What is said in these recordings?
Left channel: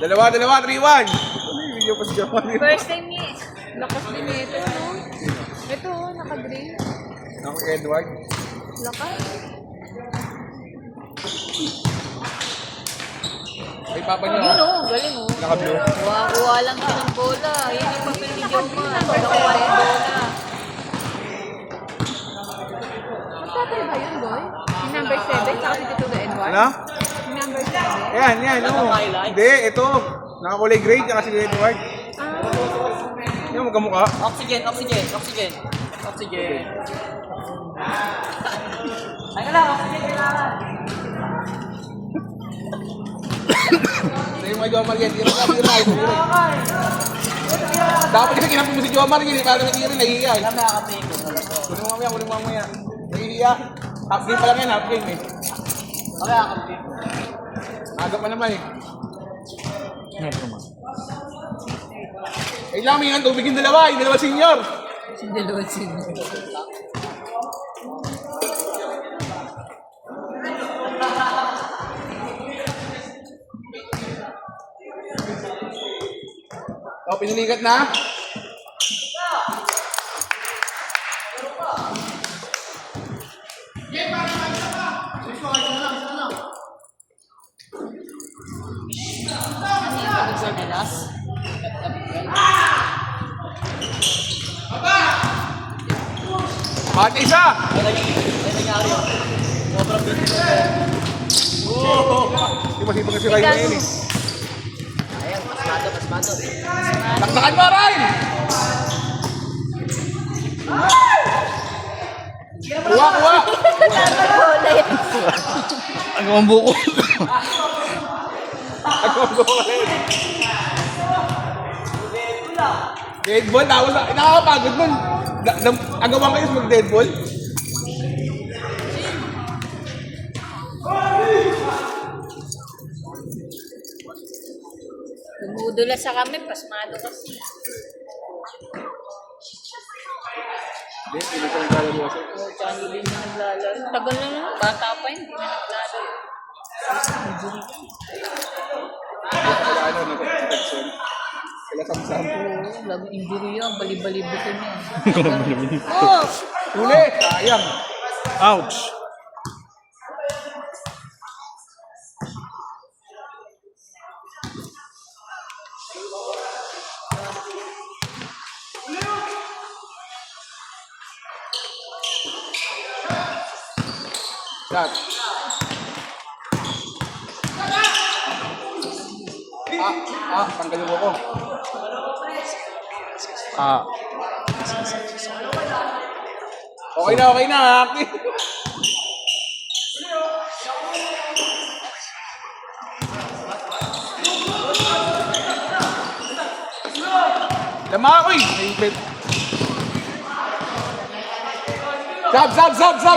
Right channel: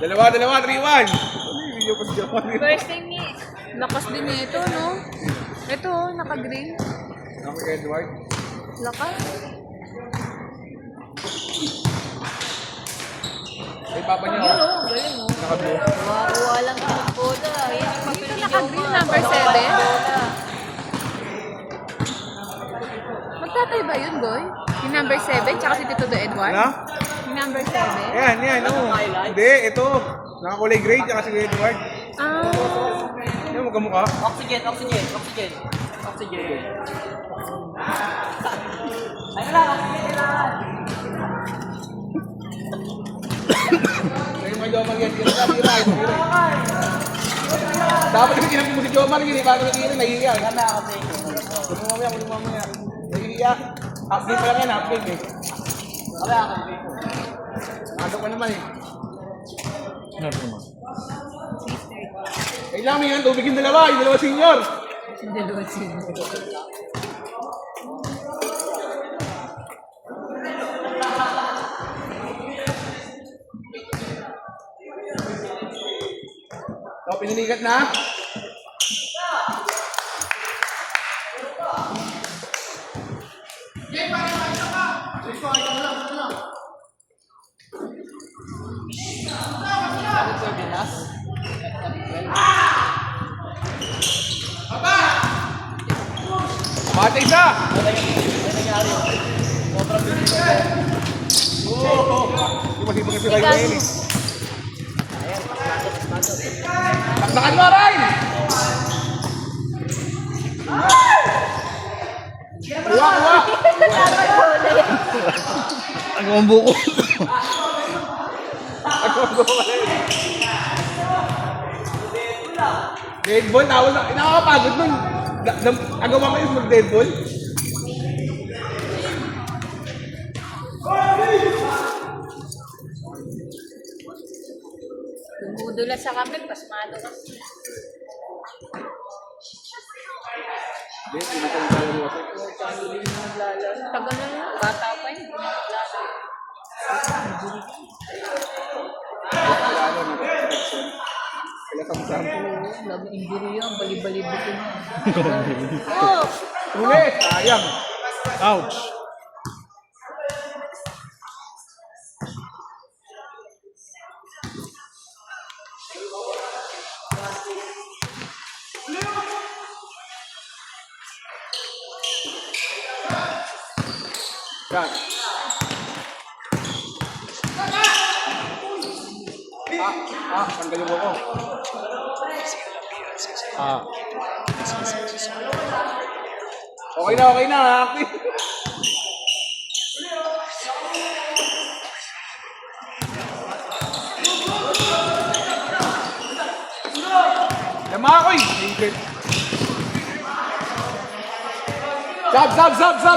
Dalawa, 3-1. First time niya. Lakas din ito, no? Ito, naka-green. Ako Edward. Lakas. Ay, papa niya. Yun, oh. Galing, oh. Naka-blue. Makakuha lang siya ng bola. Yan yung papel ni Joma. Number Nakakuha 7? ng bola. Magtatay ba yun, boy? Yung number 7, tsaka si Tito Do Edward? Ano? Yung number 7? Yan, oh. Hindi, ito. Nakakulay gray, tsaka si Edward. Ah, Yung magkamukha. Oxygen. Hindi mo Jomar yan. Hindi mo dapat hindi kinapin mo si Jomar yun. Parang nag-iiri, nahihiya. Kunin mamaya. Nahihiya. Update pa lang yan, update eh. Aga pa naman eh. Eh, lami yan. Tubigin dalawa. Yung dalawa senior. Dalawa sila. O, pinalikat na. Ate isa! Hindi masipag kasi Ryan na yun eh. Saksakan mo, Ryan! Kuha! Ang buko. Deadball, tapos nakakapagod nun. Agawa kayo mag-deadball. Dumudula sa kami, pasmado kasi. Tsaka hindi na naglalaro. Tagal na lang. Bata pa yun, hindi na naglalaro. Lagi injury yan, bali-bali-buto na. Oh! Ulit! Sayang. Ouch. Cut. Tanggalin mo ko. Okay na. Tama ako eh.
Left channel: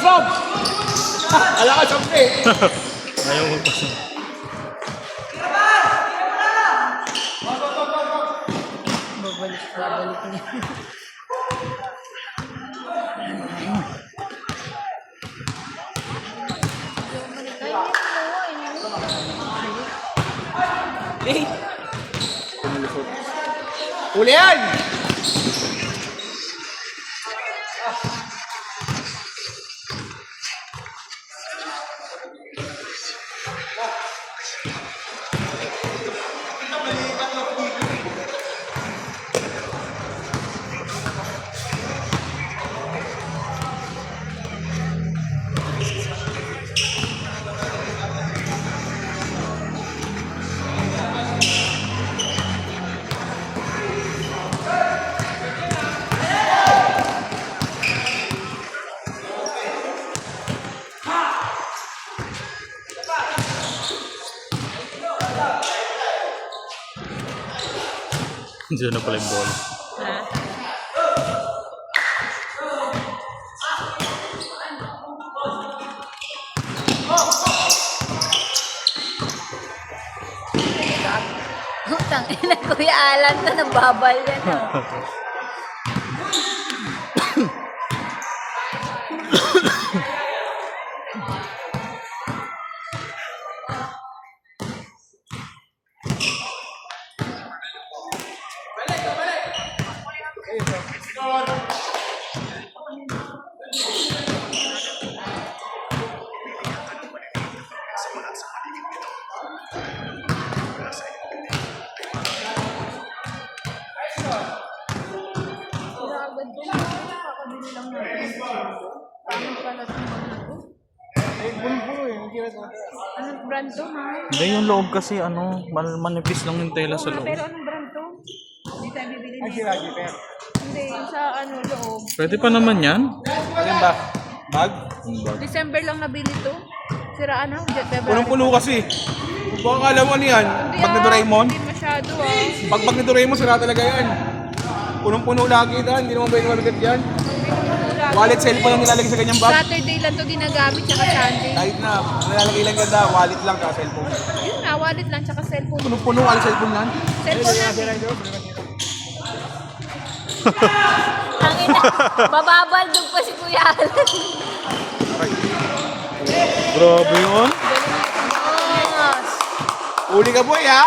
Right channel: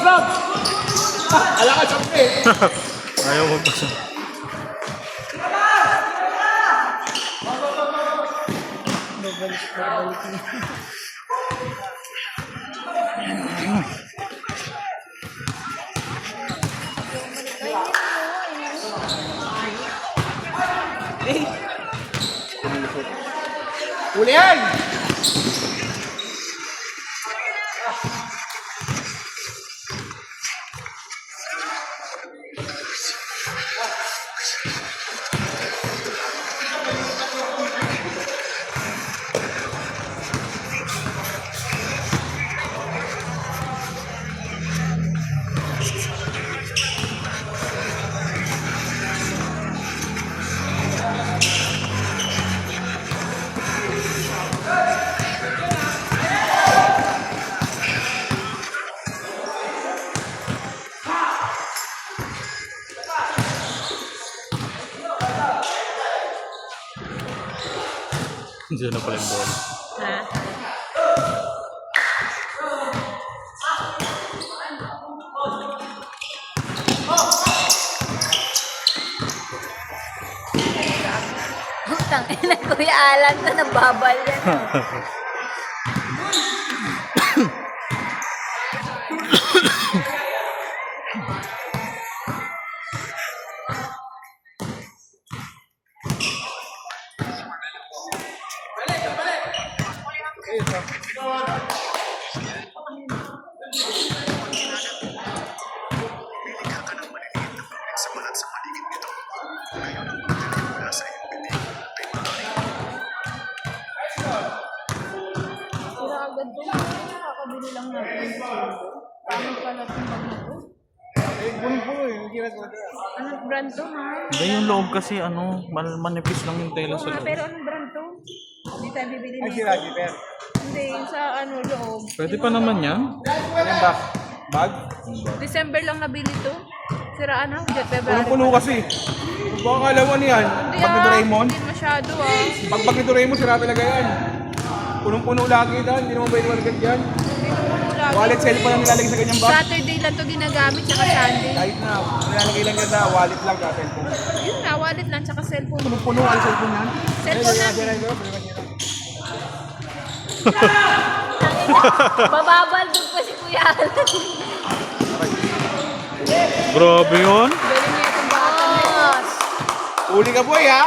Sab! Ala ka sab eh. Ayaw ko pa. Babalik na. Huli yan! Diyan na pala yung bola. Ha? Utang ina, Kuya Alan na nababal yan. Oh. Anong brand to, ha? Hindi, yung loob kasi manipis lang yung tela Oo sa nga, loob. pero anong brand to? Hindi tayo bibili nito. Hindi, yung sa loob. Pwede pa naman yan. Alin ba? Bag? December lang nabili to. Siraan na, Jet February. Punong-puno kasi. Baka alam mo niyan. Pag ni Doraemon. Hindi masyado, ah. Pag ni Doraemon, sira talaga yan. Punong-puno lagi ito. Hindi naman pwede malagay yan. Wallet, cellphone yung nilalagay sa ganyang bag. Saturday lang to ginagamit, tsaka Sunday. Kahit na. Nilalagay lang yan na wallet lang tsaka cellphone. Yun na, wallet lang, tsaka cellphone. Punong-puno, wallet cellphone lang. Cellphone natin. Mababaldog pa si Kuya. Grabe yun. Boss! Uli ka boy ha?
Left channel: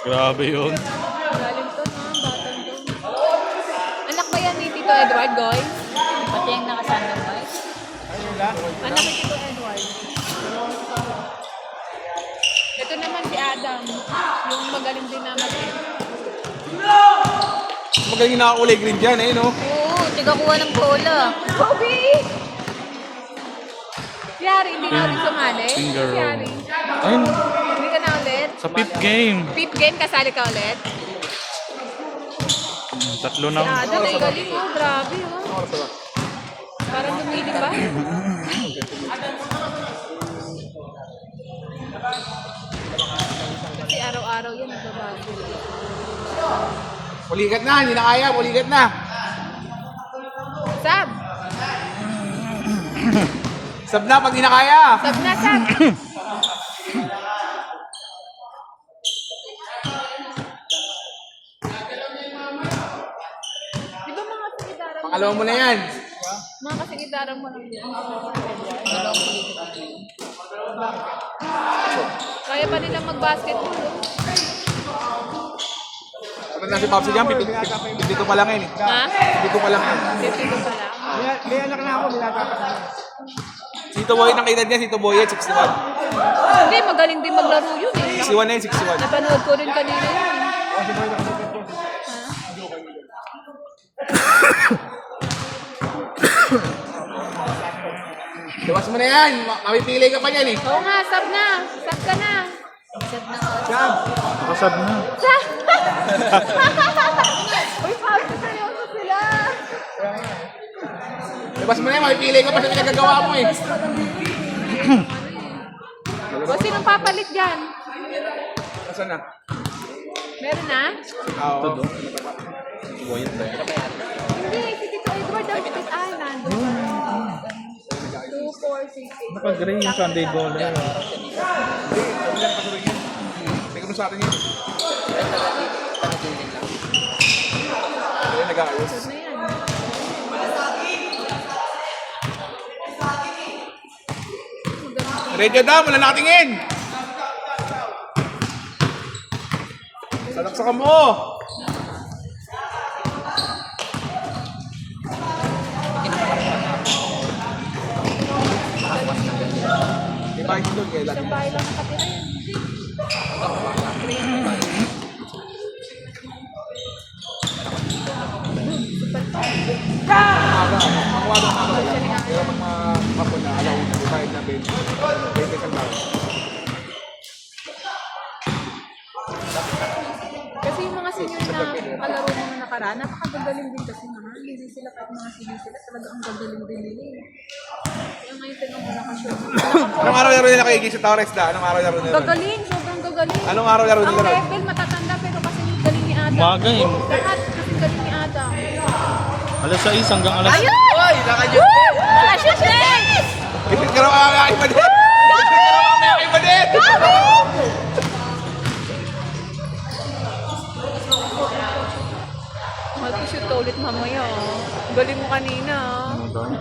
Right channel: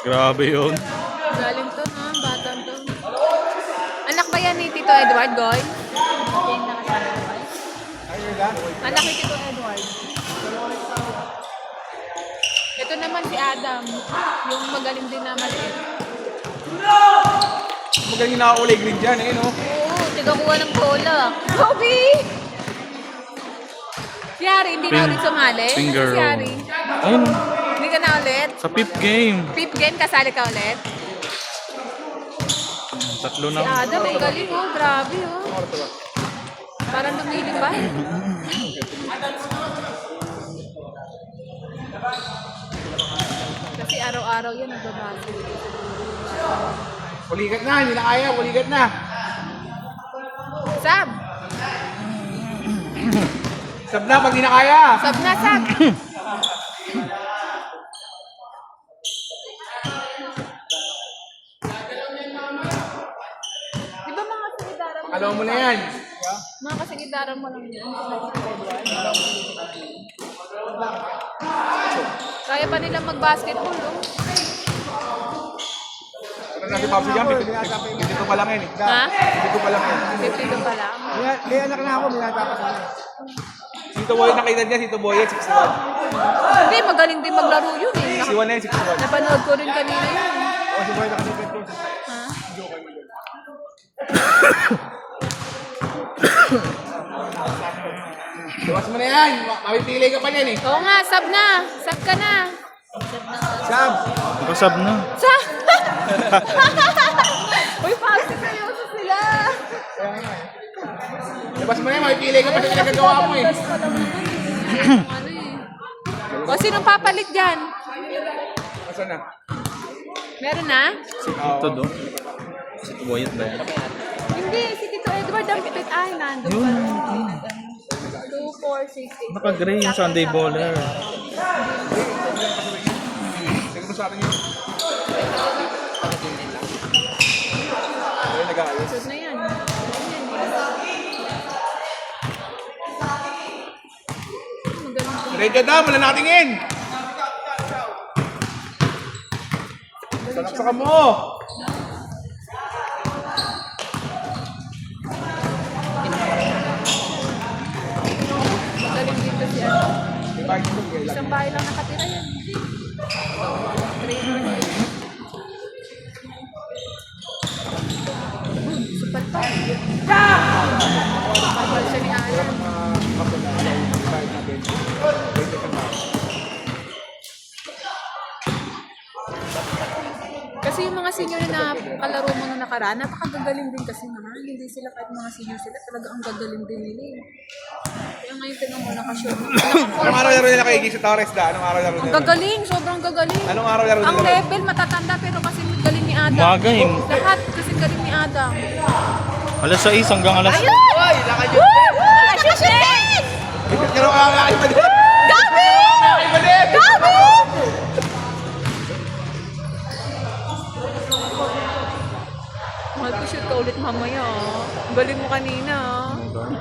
Grabe yun. Galing to, ha? Batang to. Anak ba yan ni Tito Edward, Gol? Ate yung nakasama ko. Anak ni Tito Edward. Ito naman si Adam. Yung magaling din naman. Magaling na kulay green dyan eh no? Oo, tigakuha ng bola. Kobe! Si Ari, hindi na ulit sumali. Finger Si roll. Ari. Ayun, Hindi ka na ulit. sa fifth game. Fifth game, kasali ka ulit. Tatlo Si na. Adam, ang galing, oh. Grabe, oh. Parang lumili ba? Kasi araw-araw yan, nagbabago. Uligat na, hindi na kaya, uligat na. Sab! Sab na pag hindi na kaya. Sab na, Sab! Di ba mga kasingidaran mo? Alam mo na yan. Mga kasingidaran mo lang yun. Kaya pa nila mag-basketball, oh. Kapag nasi Papsi dyan, dito pa lang yan eh. Ha? Dito pa lang yan. Dito pa lang. Sito Boy, nakita niya, Sito Boy yan, 61. Hindi, magaling din maglaro yun, eh. 61 na yun, 61. Napanood ko rin kanina yun. Ha? Luwas mo na yan, mapipili ka pa yan eh. Oo nga, sab na. Sab ka na. Sab! Usap na. Sab! Uy, pagka sa'yo sila. Luwas mo na yan, mapipili ka pa sa pinagagawa mo eh. O, sinong papalit dyan? Nasaan na? Meron na? Oo. Ito doon. Wait na. Hindi, si Tito Edward ang pit. Ay, nandun. 2, 4, 6, 8. Naka-gray yung Sunday Baller. Sige mo sa atin yun. Ayun, nag-aayos. Na yan. Ready na, mula nakatingin! Saksakan mo! May bakit doon kayo lang. Isang bahay lang nakatira yan. Kasi yung mga senior na kalaro mo na nakaraan, napakagagaling din kasi naman. Hindi sila kahit mga senior sila, talaga ang gagaling din nila eh. Kaya ngayon tinang mo nakashow. Anong araw laro nila kay Gisa Torres da? Anong araw laro nila? Gagaling, sobrang gagaling. Anong araw laro Ang nila? level matatanda pero kasi galing ni Adam. Mga game. Lahat kasi galing ni Adam. Alas 6 hanggang alas... Ayun! Woo! Nakashoot na! Pero ang iba din! Ang iba din! Mag-shoot ka ulit mamaya. Galing mo kanina. Ano